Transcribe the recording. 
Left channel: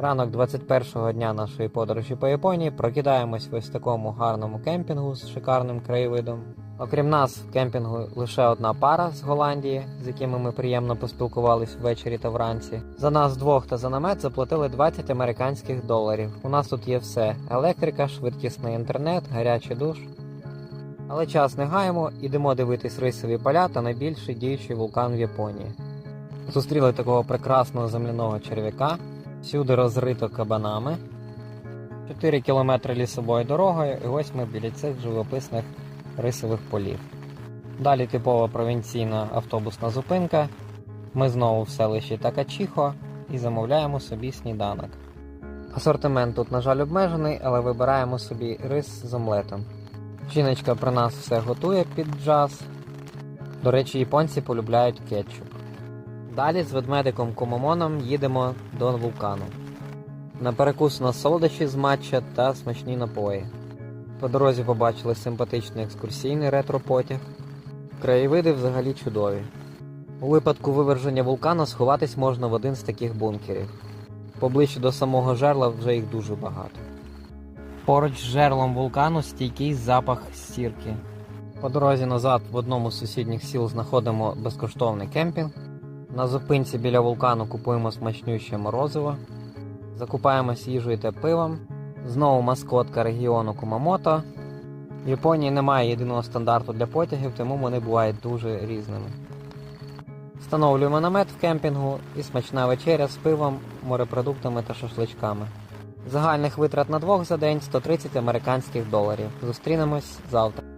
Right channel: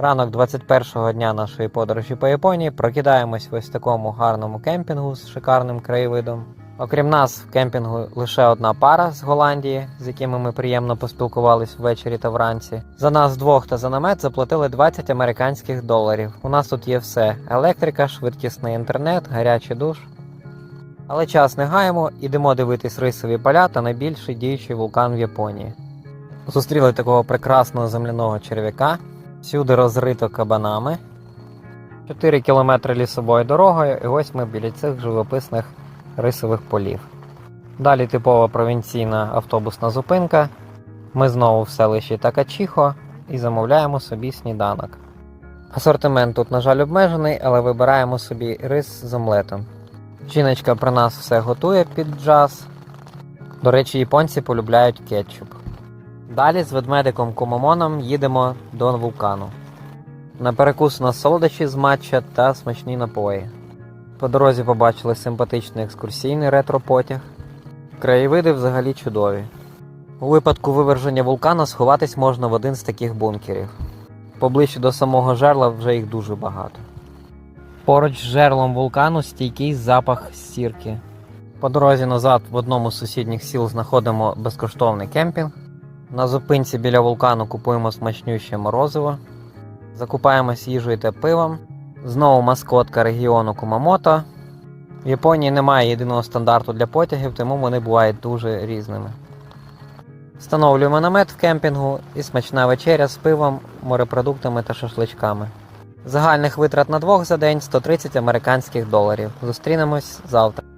Ранок 21-го дня нашої подорожі по Японії прокидаємось в ось такому гарному кемпінгу з шикарним краєвидом. Окрім нас, в кемпінгу лише одна пара з Голландії, з якими ми приємно поспілкувались ввечері та вранці. За нас двох та за намет заплатили 20 американських доларів. У нас тут є все: електрика, швидкісний інтернет, гарячий душ. Але час не гаємо, ідемо дивитись рисові поля та найбільший діючий вулкан в Японії. Зустріли такого прекрасного земляного черв'яка, всюди розрито кабанами. 4 кілометри лісовою дорогою, і ось ми біля цих живописних рисових полів. Далі типова провінційна автобусна зупинка. Ми знову в селищі Такачіхо і замовляємо собі сніданок. Асортимент тут, на жаль, обмежений, але вибираємо собі рис з омлетом. Жіночка про нас все готує під джаз. До речі, японці полюбляють кетчуп. Далі з ведмедиком Кумомоном їдемо до вулкану. На перекус у нас солодощі з матча та смачні напої. По дорозі побачили симпатичний екскурсійний ретро-потяг. Краєвиди взагалі чудові. У випадку виверження вулкана сховатись можна в один з таких бункерів. Поближче до самого жерла вже їх дуже багато. Поруч з жерлом вулкану стійкий запах сірки. По дорозі назад в одному з сусідніх сіл знаходимо безкоштовний кемпінг. На зупинці біля вулкану купуємо смачнюще морозиво, закупаємось їжею та пивом. Знову маскотка регіону Кумамото. В Японії немає єдиного стандарту для потягів, тому вони бувають дуже різними. Встановлюємо намет в кемпінгу і смачна вечеря з пивом, морепродуктами та шашличками. Загальних витрат на двох за день 130 американських доларів. Зустрінемось завтра.